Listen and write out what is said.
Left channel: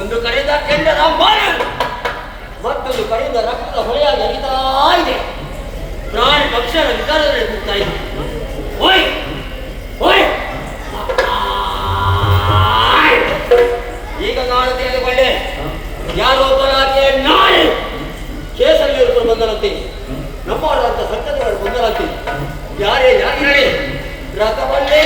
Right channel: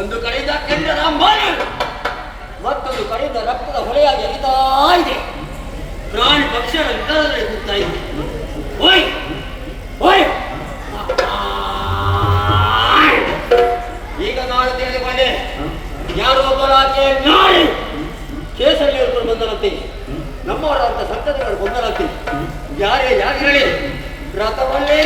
ಒಂದು ಕಡೆಯಿಂದ ಕೆಂಡದ ಮಳೆ, ಮತ್ತೊಂದು ಕಡೆಯಿಂದ ರಕ್ತ ಹೊಳೆಯಾಗಿ ಹರಿತಾ ಇದೆ. ಪ್ರಾಣಿ ಪಕ್ಷಿಗಳ ವಿಚಾರದಲ್ಲಿ ಕೂಗ್ತಾ ಇದೆ. ಓಯ್ ಓಯ್, ಈಗ ನಾನು ತಿಳಿದುಕೊಂಡೆ, ಯಾರೋ ಒಬ್ಬರಾಕೆ ನಾಳೆ ಕೇಸರಿಯವರು ಬಂದರಂತೆ, ನಮ್ಮವರಂತ ಸತ್ತದವರು ಬಂದರಂತೆ. ಯಾರೇ ಯಾರಿರಲಿ ರಥವನ್ನೇ